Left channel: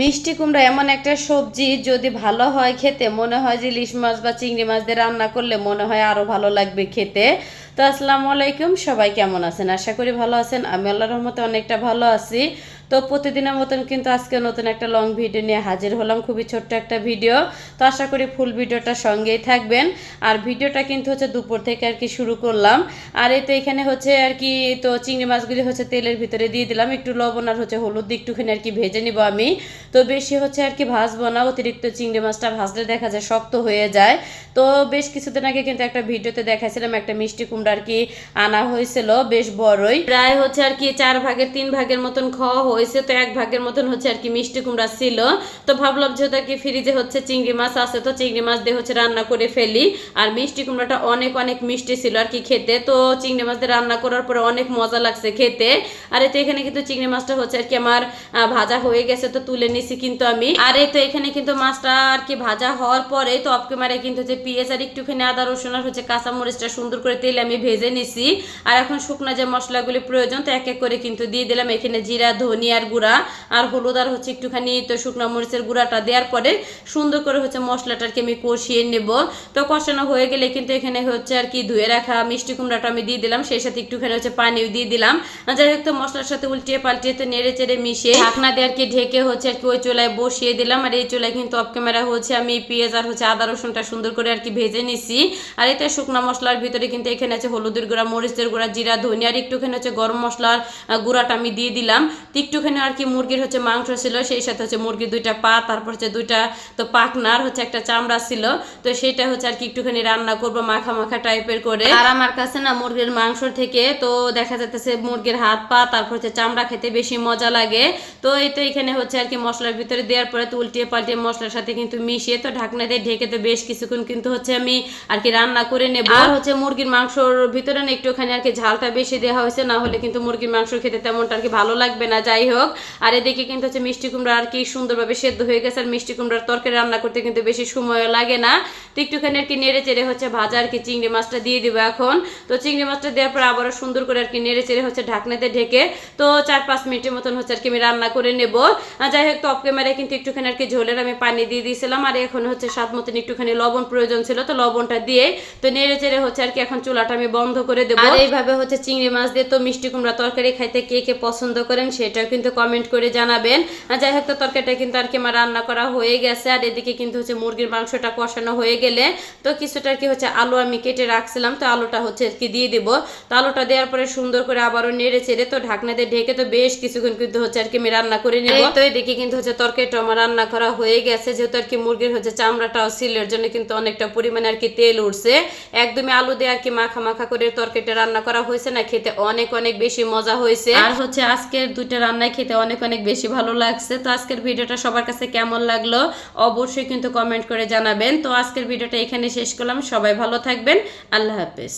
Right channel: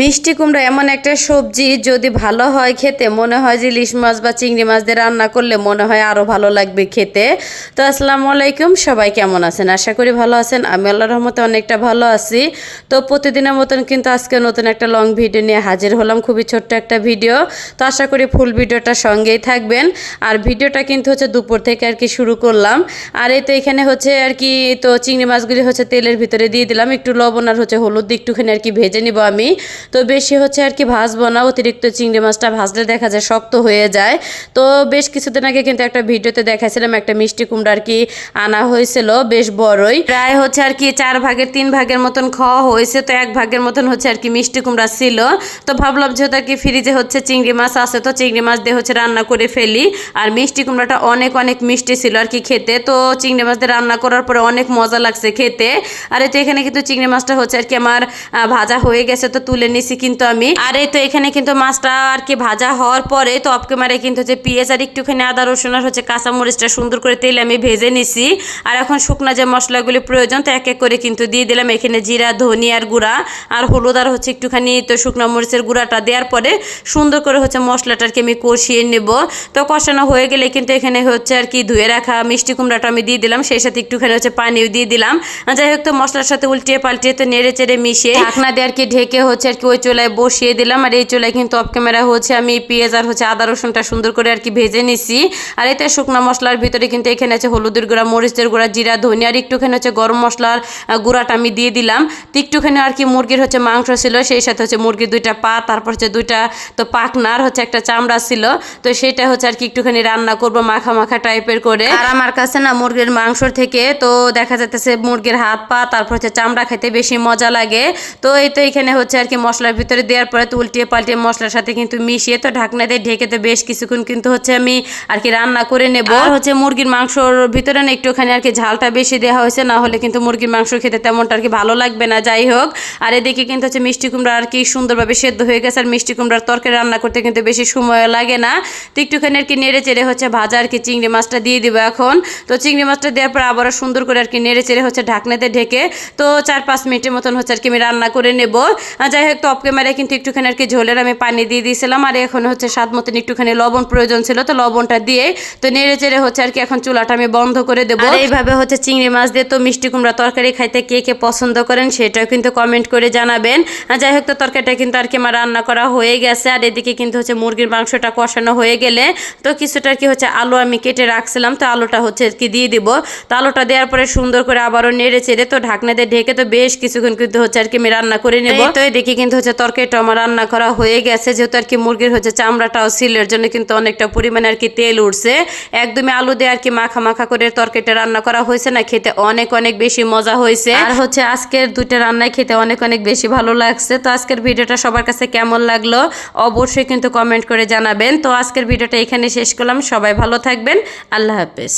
মিষ্টি কুমড়া এমন একটা সবজি, যদি ভালো হয় খেতে, মনে হয় যে ইলিশ মাছ বা চিংড়ি মাছ দিয়ে রান্না করলে মনে হয় আরও ভালো লাগবে খেতে। তো আসসালামু আলাইকুম, সবাই কেমন আছেন? আশা করি ভালো আছেন। আমি আল্লাহর রহমতে অনেকটা ভালো আছি। তো প্রতিদিনের মতন কিন্তু আজকে নতুন একটা লং ভিডিও নিয়ে হাজির হলাম, খুবই ছোট্ট একটা ভিডিও। তো আশা করি ফুল ভিডিওটা সঙ্গেই থাকবেন। আর ভিডিওটা কিন্তু হচ্ছে দুপুর থেকে আর কি শুরু করলাম। আর এই তো এখানে হচ্ছে আর কি, তো চিংড়ি মাছগুলি হচ্ছে তেলের ভিতরে দিয়ে দিলাম, একটু লবণ আর হচ্ছে হলুদ দিয়ে একটুখানি আর কি ভেজে নিব আমি। তো বেশি হচ্ছে আর কি ভাজবো না, অতিরিক্ত চিংড়ি মাছটা ভাজলে দেখা যায় শক্ত হয়ে যায়। তো বেশ কিছুদিন আগে কিন্তু একটা ভিডিওতে দেখাইছিলাম, একটা মিষ্টি কুমড়া আর কি আনা হয়েছিল, বেশ বড়ই, প্রায় হচ্ছে আর কি 4 ভাগের 3 ভাগের মতন খাওয়া হয়েছে। তো 1 ভাগের মতন হচ্ছে আর কি মিষ্টি কুমড়া ছিল। তো ভাবলাম যেহেতু আর কি ফ্রিজে হচ্ছে চিংড়ি মাছ আছে, তো চিংড়ি মাছ দিয়ে হচ্ছে রান্না করে ফেলি। আর মিষ্টি কুমড়াটা অনেক অনেক মিষ্টি ছিল আর কি খেতে। তো চিংড়ি মাছ দিয়ে রান্না করার পরে অনেক মজা লাগছে খেতে। আর এই তো এখানে কিন্তু চিংড়ি মাছটা হচ্ছে আর কি আমার ভাজা হয়ে গেছে, তো তুলে নিছি কিন্তু আমি। আর এই তো এখানে কিন্তু মাছটা আর কি ভাজা হওয়ার পরে তো অপকে মারে কিন্তু হচ্ছে পেঁয়াজ আর একটুখানি আদা রসুন আর হচ্ছে কাঁচামরিচটা সুন্দর করে তেলে আমি ভেজে নিছি। আর এখন শুকনা যে মশলাগুলি প্রয়োজন, তো এক এক করে কিন্তু দিয়ে দিলাম। এখানে জিরা, ধনিয়ার গুঁড়া আর হলুদ আর হচ্ছে একটুখানি তো শুকনো মরিচের গুঁড়াটা দেওয়ার পরে সুন্দর করে হচ্ছে মশলাটাকে আমি কষিয়ে নেব। তো কষানো হয়ে গেলে কিন্তু এখানে হচ্ছে আর কি ধুয়ে রাখা মিষ্টি কুমড়াটা আমি দিয়ে দিলাম, সেই সাথে একটুখানি হচ্ছে পানিও দিয়ে দিলাম। যাই হোক, তো মশলার সাথে উল্টিয়ে পাল্টিয়ে তো নেড়ে চেড়ে মিশিয়ে ঢাকনা দিয়ে আর কি ঢেকে হচ্ছে আর কি ওই চুলায় বসিয়ে দিলাম। আর এই চুলায় কিন্তু অফ ক্যামেরা হচ্ছে আমি পেঁয়াজ আর হচ্ছে আদা রসুনটা সুন্দর করে আর কি ভেজে নিছি। আর এতে শুকনো মশলার ভিতরে কিন্তু এখানে আছে হলুদের গুঁড়া, মরিচের গুঁড়া, জিরা, ধনিয়া আর একটুখানি হচ্ছে গরম মশলার গুঁড়াটা আমি দিয়ে দিলাম। তো একটুখানি আর কি মুরগির হচ্ছে মাংস ছিল, সেই সাথে হচ্ছে মুরগির 2টা পা, তারপর হচ্ছে 2টা তো পাখনার হচ্ছে একটা চামড়া ছিল। তো সেটা হচ্ছে আর কি একটুখানি রান্না করব মাখা মাখা টাইপের করে। আর আমার কাছে না মুরগির মাংসর থেকে তো দেখা যাচ্ছে মুরগির হাত পা তারপর হচ্ছে চামড়া খাইতে বেশি মজা লাগে। তো এই তো এখানে হচ্ছে আর কি মশলার ভিতরে দেওয়ার পরে তো উল্টিয়ে পাল্টিয়ে মশলার সাথে কিন্তু মিশিয়ে তো ঢাকনা দিয়ে ঢেকে তো বেশ কিছুক্ষণ কিন্তু হচ্ছে আমি আর কি রান্না করে নেব। আর হচ্ছে মুরগির মাংসর ভিতরে না একটুখানি আর কি ঝালটা বেশি দেওয়া হয়েছে, না হলে কিন্তু মুরগির মাংস খেতে তেমনটা আর কি ভালো লাগবে না। যাই হোক, আর এদিকে কিন্তু হচ্ছে মিষ্টি কুমড়া আর কি সুন্দরভাবে সেদ্ধ হয়ে গেছে। আর মিষ্টি কুমড়ার তরকারি রান্না করতে কিন্তু বেশি সময় লাগে না। তো একটুখানি আর কি নেড়ে চেড়ে হচ্ছে ভাজা আর কি চিংড়ি মাছটা দিয়ে দিব এখন। তো চিংড়ি মাছটা দেওয়ার পর আবারও সুন্দর করে আর কি নেড়ে চেড়ে হচ্ছে ঢাকনাতে ঢেকে তো 4-5 মিনিটের মতন হচ্ছে আর কি আমি রান্না করে নেব। যাই হোক, তো অফ ক্যামেরায় কিন্তু একটুখানি আর কি ঝোলের আমি পানি দিয়ে দিয়েছিলাম। আর এখন হচ্ছে স্বাদ মতন একটুখানি লবণ প্রয়োজন ছিল, তো লবণটা দিয়ে তো নেড়ে চেড়ে হচ্ছে আর কি এখন চুলাটা আমি বন্ধ করে দেবো। আর এইভাবে হচ্ছে চিংড়ি মাছ দিয়ে তো মিষ্টি কুমড়া তরকারি খাইতে কে কে পছন্দ করেন সেটাও কিন্তু কমেন্ট করে জানাবেন। যাই হোক, তো তরকারিটা কিন্তু আর কি আমার রান্না করা হয়ে গেছে। আর এদিকে কিন্তু হচ্ছে মুরগির মাংসটা কষানো হয়ে গেলে তো কিছুটা আর কি হচ্ছে আলু আমি কেটে রাখছিলাম, তো আলুটা হচ্ছে আর কি দিয়ে দিব। তো আলুটা দেওয়ার পরে সুন্দর করে আবারও নেড়ে চেড়ে তো ঢাকনা দিয়ে ঢেকে তো বেশ কিছুক্ষণ কিন্তু হচ্ছে আর কি আমি রান্না করে নেব। তো এদিকে কিন্তু হচ্ছে তরকারিটা আমার রান্না করা হয়ে গেছে, যেহেতু আর কি মুরগির হচ্ছে চামড়াটাও ছিল, এর জন্য কিন্তু অনেকটা পরিমাণে আর কি তেল উঠছে। একদমই আলু দিয়ে আর কি মাখা মাখা করে তরকারিটা রান্না করা হয়েছে, না খেতে অনেক অনেক বেশি মজা হয়েছে। আর হচ্ছে আজকের 2টা রান্নায় খেতে অনেক অনেক বেশি ভালো লাগছে। তো আজকের ভিডিওটা সবার কাছে কেমন লাগলো অবশ্যই কিন্তু কমেন্ট করে জানাবেন। তো আজকের ভিডিওটা এখানে শেষ করলাম, সবাই ভালো থাকবেন, আল্লাহ হাফেজ।